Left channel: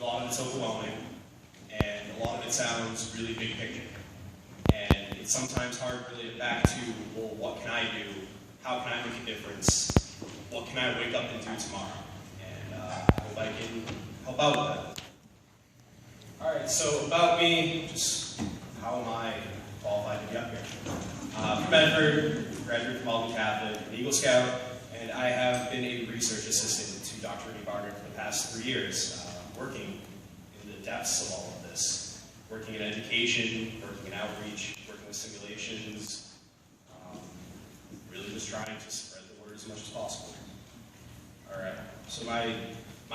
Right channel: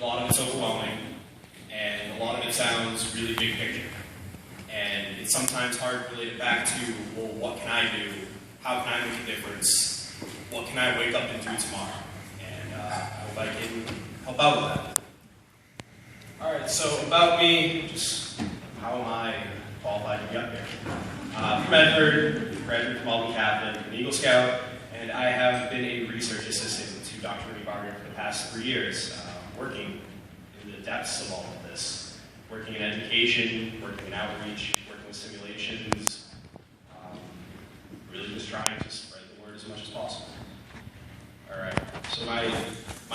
a lot of it's overwhelming, and a lot of it sounds really big picture. And it's sometimes hard to relate it back to, well, what can I do? How can I make a difference? What can I wake up and do tomorrow? And I hope I can help out with that. All right, so about me, just how am I qualified to be up here? From Medford, graduate from Lowell Catholic, an Eagle Scout, and I have been a research assistant to Dr. Barger for the past 3 years, working in the depths of all of this. Working in education, working in outreach, working with simulations, really just trying to spread the word as much as possible. All right, so my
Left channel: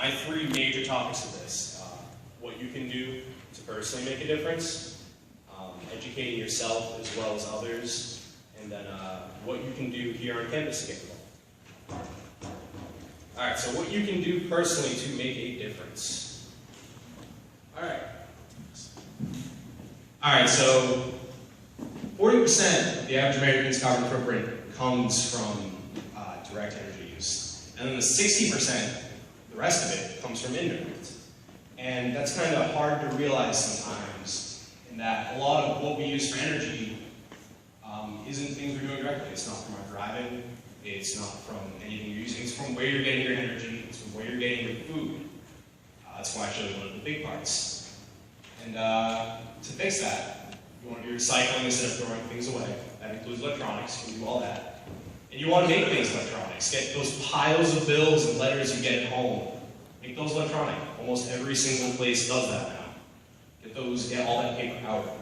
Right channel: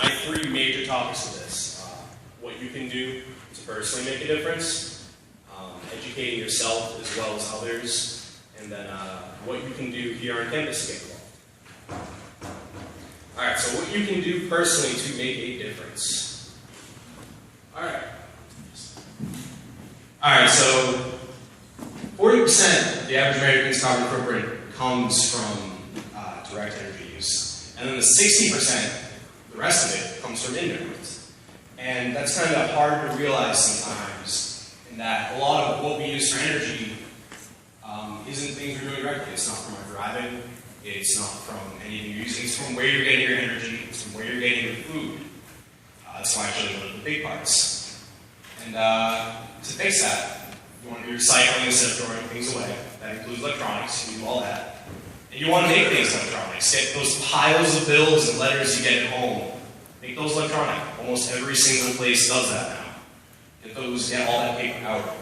3 major topics of this, what you can do to personally make a difference, educating yourself as well as others, and then what you can do here on campus to get involved. All right, so what you can do personally to make a difference. All right, so 40% of the average American's carbon footprint comes from direct energy use. And then the 60%, the rest of it, comes from indirect. And that's kind of hard to realize sometimes, in that a lot of what we use for energy isn't things we're doing directly. It's not from our driving, it's not from anything you're using, it's from where you're getting your energy, it's from where you're getting your food. That's actually one of the big parts. And to fix that, you want to do recycling instead of throwing things away. That includes electronics, you do all that. And you want to make things electronics. Get those piles of bills and letters you get at home. Make those electronic. Almost every single place does that now. Get all that paper out.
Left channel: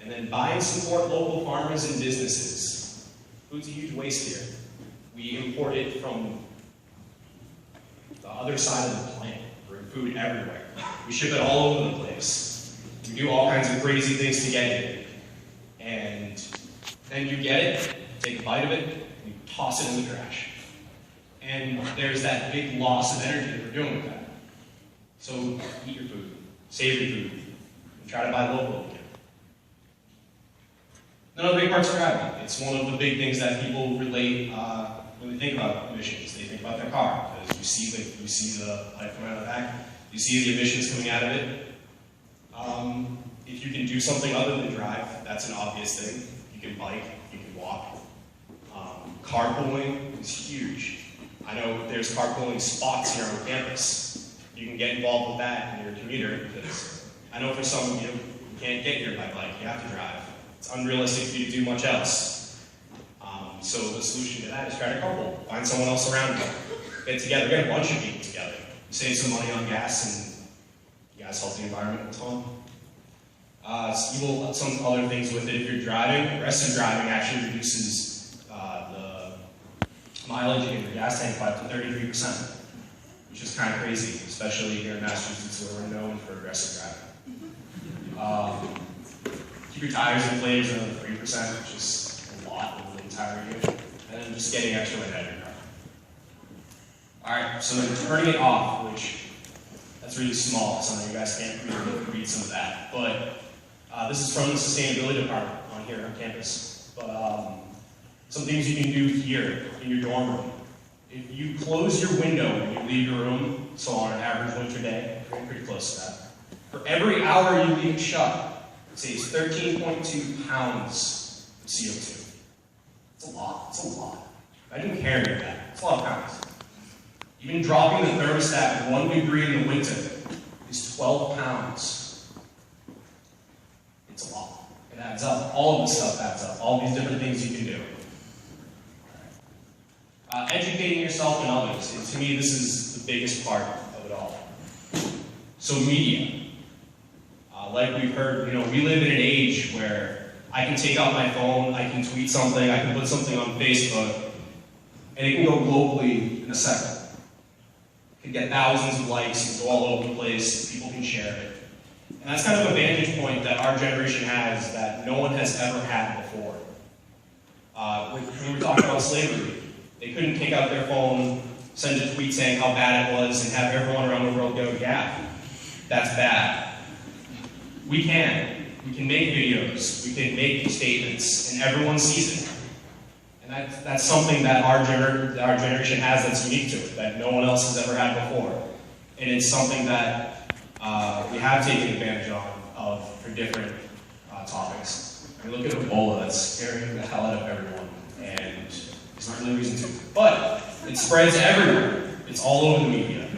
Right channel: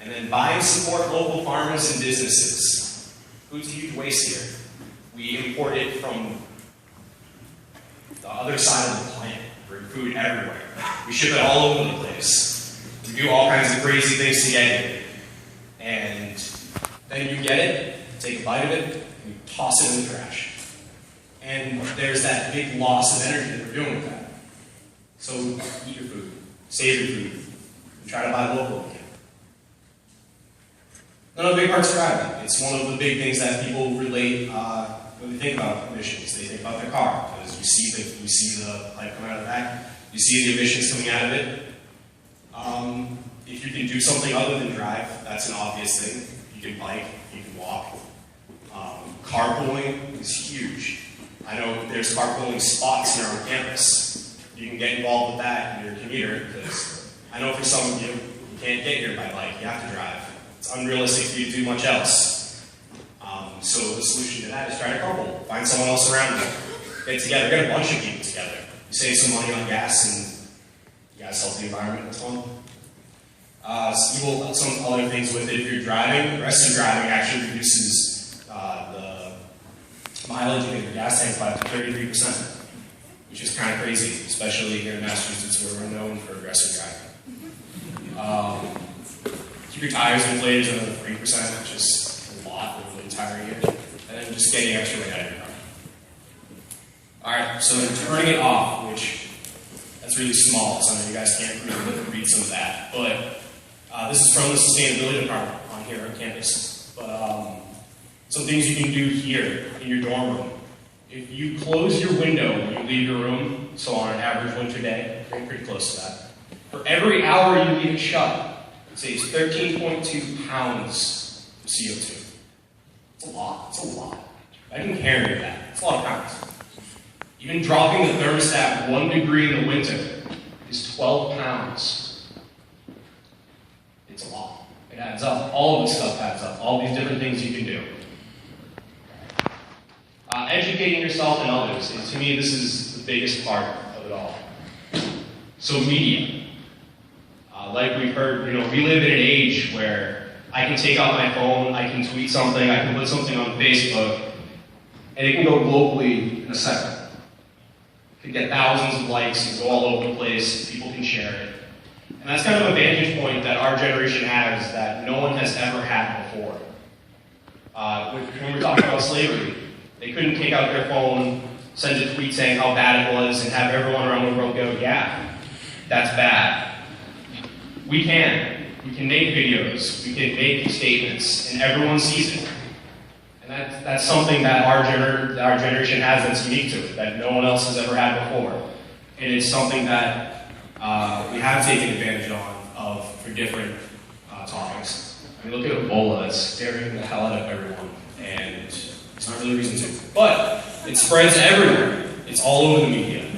And then buy and support local farmers and businesses. Food's a huge waste here. We import it from the other side of the planet. Bring food everywhere. We ship it all over the place. We do all kinds of crazy things to get it. And then you get it, take a bite of it, and you toss it in the trash. And there's that big loss of energy that we're doing with that. So eat your food, save your food, and try to buy local again. Another big part's driving. It's one of the big things that people relate when they think about emissions. They think about their car, because you see the light coming out of that, you see the emissions coming out of it. If you can do something other than drive, that's an obvious thing. You can bike, you can walk. Carpooling is huge. I know there's carpooling spots here on campus. You can get involved with that in your commuter, because I know for some of you, you can't get here by bike, you have to drive. It's unrealistic for you to do much else. So the solution to that is try to carpool. Find someone else around you. Get together, get a bunch of people together. You save some money on gas and you guys help the environment, it's fun. So you will some other things with it if you're driving. The rest of your driving actually reduces the mileage in your gas tank by 33%, which is kind of crazy, especially here in Massachusetts where we're known for aggressive driving. Keep your tires inflated to another 3%, which is a lot over the entire year, and then just getting extra weight out of your car. Alright, so then turning it off, which that's really small, so I know you guys can't really read some of that, but this is from the sustainability department on here on campus. But some things you can do here in your dorm room. If you close your window when you leave your room, so on an average winter day, we're pretty close to that. For every hour you leave it shut, it saves 13.2 pounds of CO2. It's a lot. It's a lot. I can carry that. It's a lot of pounds. Even dropping the thermostat 1 degree in the winter is 12 pounds. It's a lot. It adds up. All of this stuff adds up. All these different things you can do. Educating yourself and others. And to me, this is the biggest part of it all. So media. Like we've heard, we live in an age where I can take out my phone, I can tweet something, I can put something on Facebook, and it can go globally in a second. It can get thousands of likes and go all over the place, people can share it. And that's kind of a vantage point that our generation has that no one has ever had before. When we're talking about slavery, they couldn't take out their phone, send a tweet saying how bad it was, and have everyone around the world go, yeah, that's bad. We can make videos, we can make statements, and everyone sees it. And that's something that our generation has that's unique to it, that no one else has ever had before. And it's something that we have taken advantage of for different topics. I mean, look at Ebola, that's scaring the hell out of everyone, and there's not really a reason to. But it spreads everywhere. It's all over the media.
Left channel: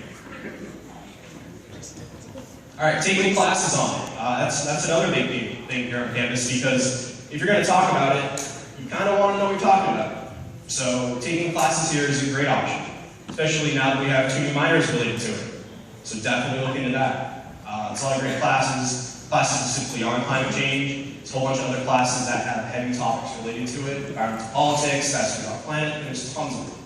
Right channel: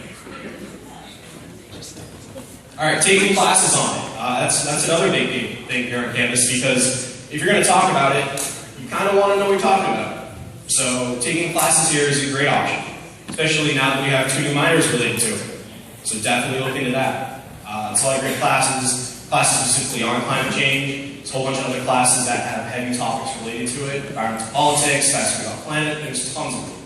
All right, taking classes on it. That's another big thing here on campus, because if you're going to talk about it, you kind of want to know what you're talking about. So taking classes here is a great option, especially now that we have 2 new minors related to it. So definitely look into that. It's a lot of great classes specifically on climate change. There's a whole bunch of other classes that have heavy topics related to it, environmental politics, that's about planet, there's tons of them.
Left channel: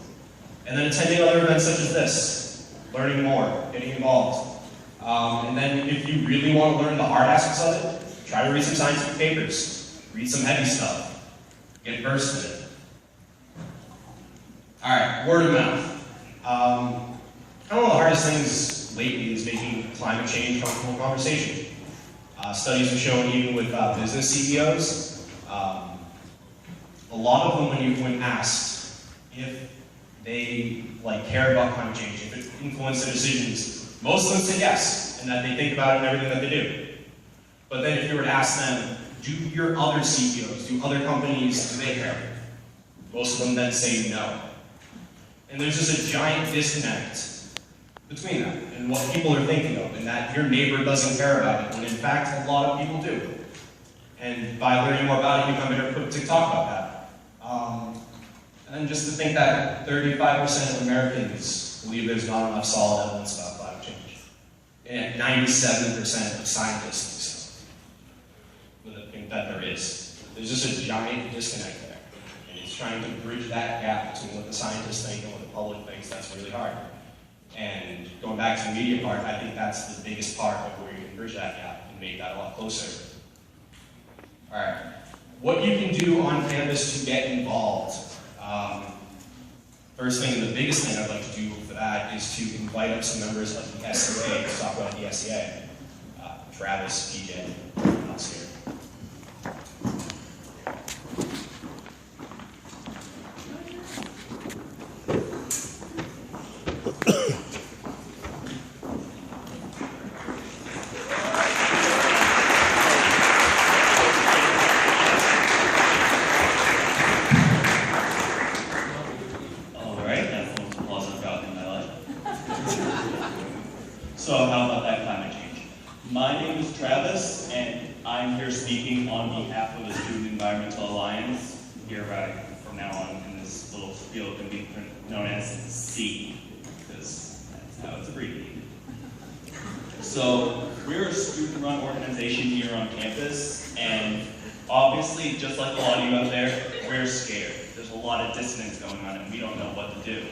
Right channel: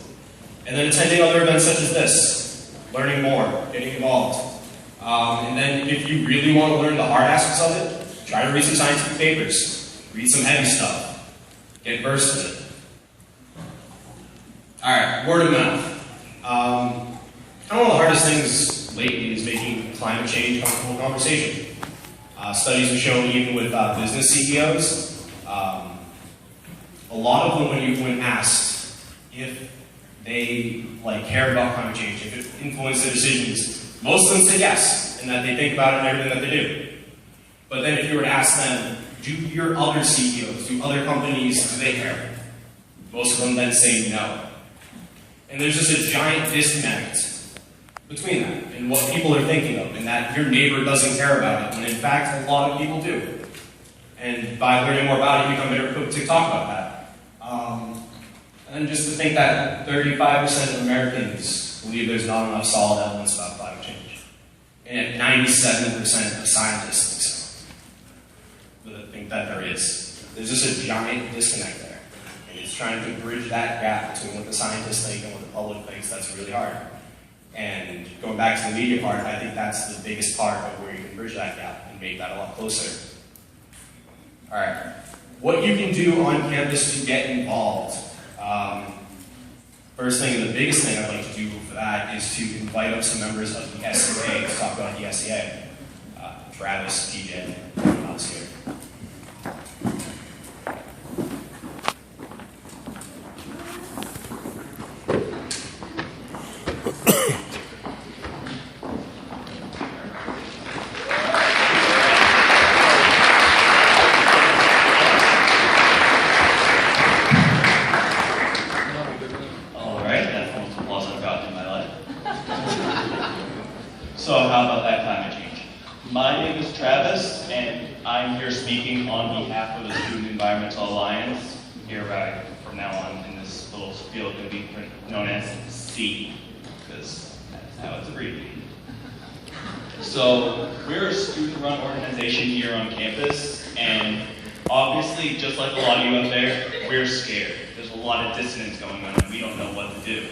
And then attending other events such as this, learning more, getting involved. And then if you really want to learn the hard aspects of it, try to read some scientific papers, read some heavy stuff, get versed in it. All right, word of mouth. Kind of one of the hardest things lately is making climate change a comfortable conversation. Studies have shown even with business CEOs, a lot of them when asked if they care about climate change, if it influenced their decisions, most of them say yes, and that they think about it in everything that they do. But then if you were to ask them, do your other CEOs, do other companies, do they care? Most of them then say no. And there's just a giant disconnect between that and what people are thinking of, and that your neighbor doesn't care about it, when in fact a lot of people do. And by learning more about it, you become better equipped to talk about that. And just to think that 35% of Americans believe there's not enough solid evidence about climate change. And 97% of scientists think that there is. There's just a giant disconnect there. And it's trying to bridge that gap between what the scientists think and what the public thinks. That's really hard. And going back to the media part, I think that's the biggest part of where you can bridge that gap and make that a lot closer. All right, what you can do on campus to get involved. First thing, and the biggest thing I'd like to do for that is to invite up some members of the SEA to talk about the SEA. Travis, DJ, Alex here. So how about that climate change? My name is Travis, and I'm here speaking on behalf of the Student Environmental Alliance. Hereby, from now on, in this little field, it'll be known as C, because that's how it's abbreviated. So we're a student-run organization here on campus, and obviously, just like a lot of you out there, we're scared. There's a lot of dissonance going on, and we don't know what to do.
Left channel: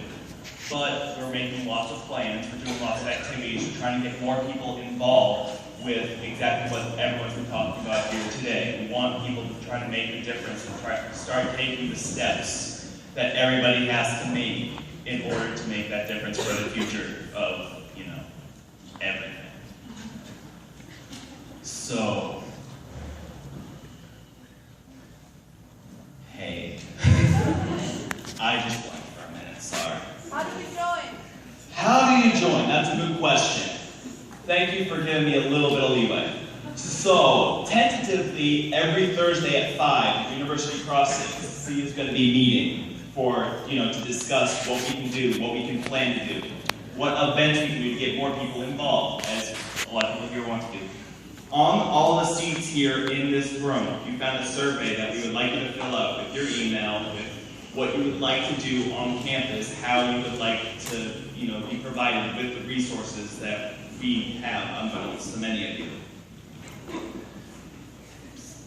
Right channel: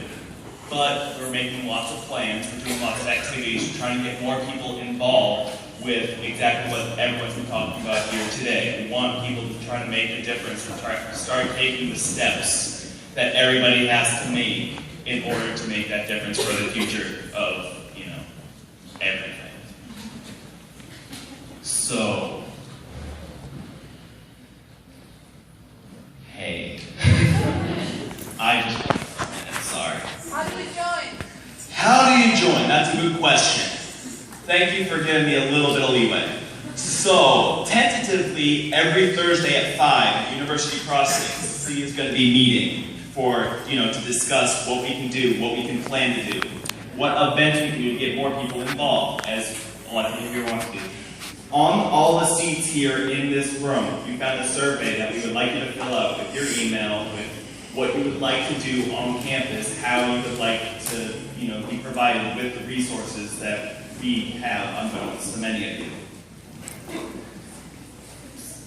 But we're making lots of plans, we're doing lots of activities, we're trying to get more people involved with exactly what everyone's been talking about here today. We want people to try to make a difference and try to start taking the steps that everybody has to make in order to make that difference for the future of, everything. So, hey, I just went for a minute, sorry. How do we join? How do you join? That's a good question. Thank you for giving me a little bit of leeway. So, tentatively, every Thursday at 5 at University Crossing, C is going to be meeting for, to discuss what we can do, what we can plan to do, what events we can do to get more people involved, as a lot of people here want to do. On all the seats here in this room, you've got a survey that we would like you to fill out with your email, with what you would like to do on campus, how you would like to, be provided with the resources that we have unbeknownst to many of you.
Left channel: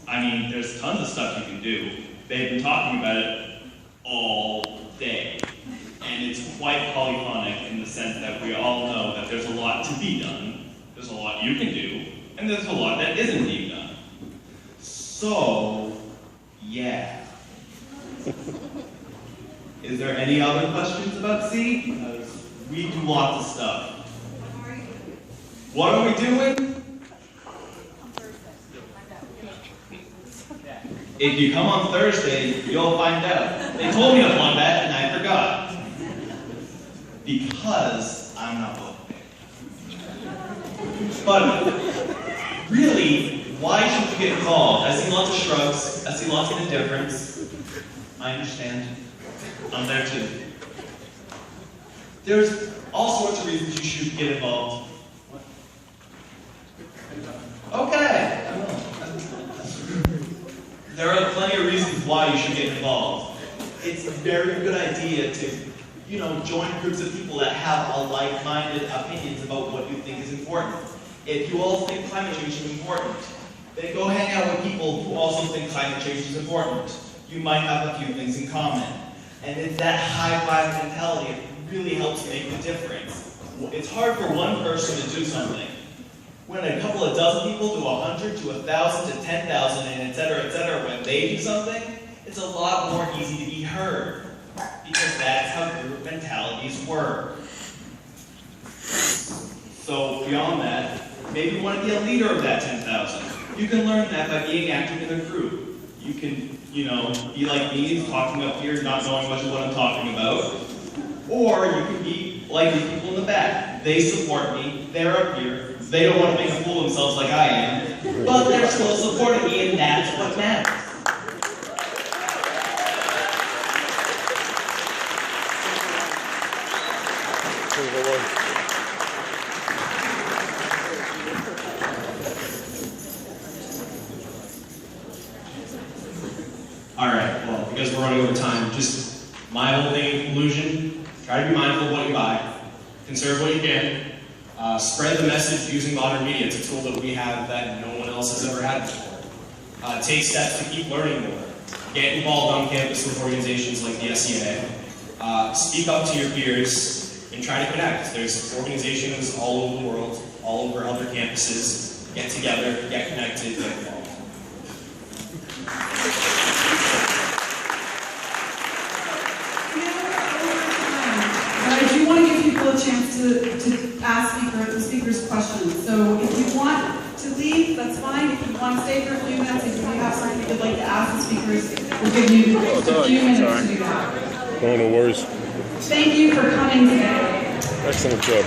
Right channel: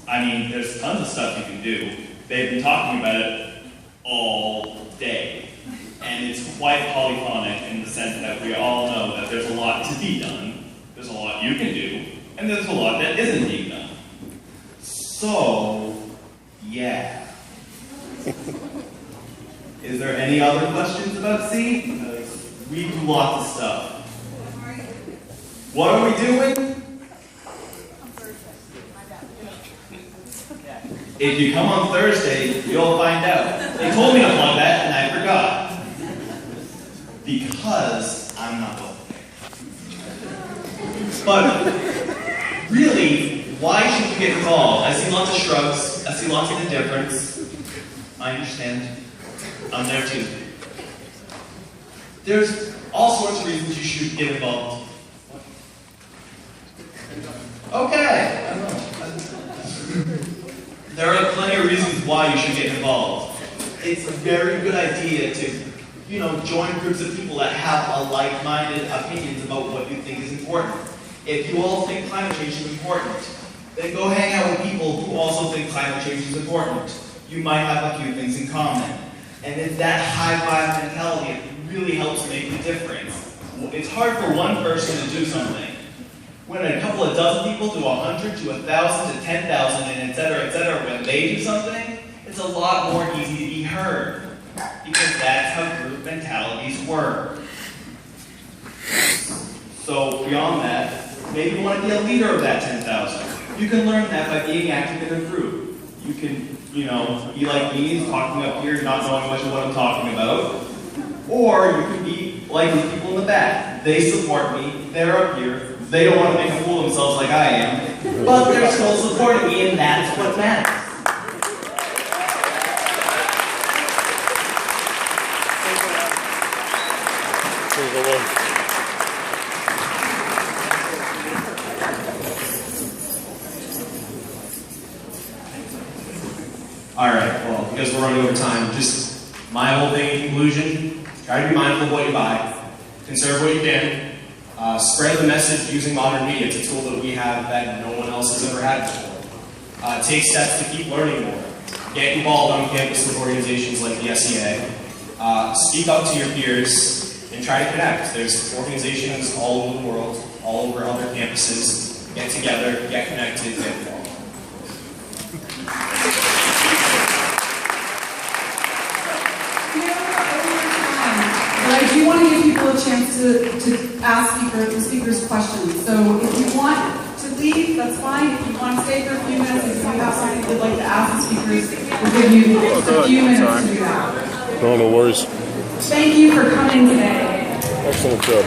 I mean, there's tons of stuff you can do. They've been talking about it all day. And it's quite polyphonic in the sense that we all know that there's a lot to be done, there's a lot you can do, and there's a lot that isn't being done. So, yeah. Is there any other questions about C? Because we do lots of stuff. What are we doing? If you come on Thursday, you'll find out. They told me to plug that, and I forgot. Because I'm not well prepared. But really, why should you get involved? I see lots of shrugs. I see lots of indifference. I understand. I'm there too. There's all sorts of reasons you should get involved. Okay. There are plenty of reasons why you should get involved. It's a very good idea to, join groups of people that have a like-minded opinions about what you think is important. If you all think climate change is important, then go hang out with people who also think climate change is important. You might have a few things in common. And it's that high-five mentality that really helps make the difference. It's hard for one person to do something. When a couple of dozen people to 100 to 1,000 to 10,000 and et cetera, when they do something, it's a lot more easy to be heard. Because that's how group mentalities work. So beyond that, maybe you want to be a leader of that 10,000. You can learn that by being active in a group. You can, be like me, talking up here, not knowing much of what I'm talking about. Or you can be like the people in the back. They support me, they're up here, they don't want to make a fool of themselves like I am, but they're still supporting me, and that's what matters. Alright, well, because we're running over time, just my whole thing in conclusion, try to be mindful of what you buy, conserve what you can, spread the message using modern media. It's a tool that we have that no one else has ever had before. Take steps to keep learning more. Get involved on campus with organizations like the SEA. Speak up to your peers and try to connect. There's organizations all over the world, all over other campuses. Get together, get connected, get involved. But I do want to give people a chance to ask speakers questions. So if you want to leave, that's fine. If you want to stay for a few minutes, if you have something you'd like to ask the speakers, we'll give you a few minutes to do that. No worries. Thank you for coming today. Excellent job.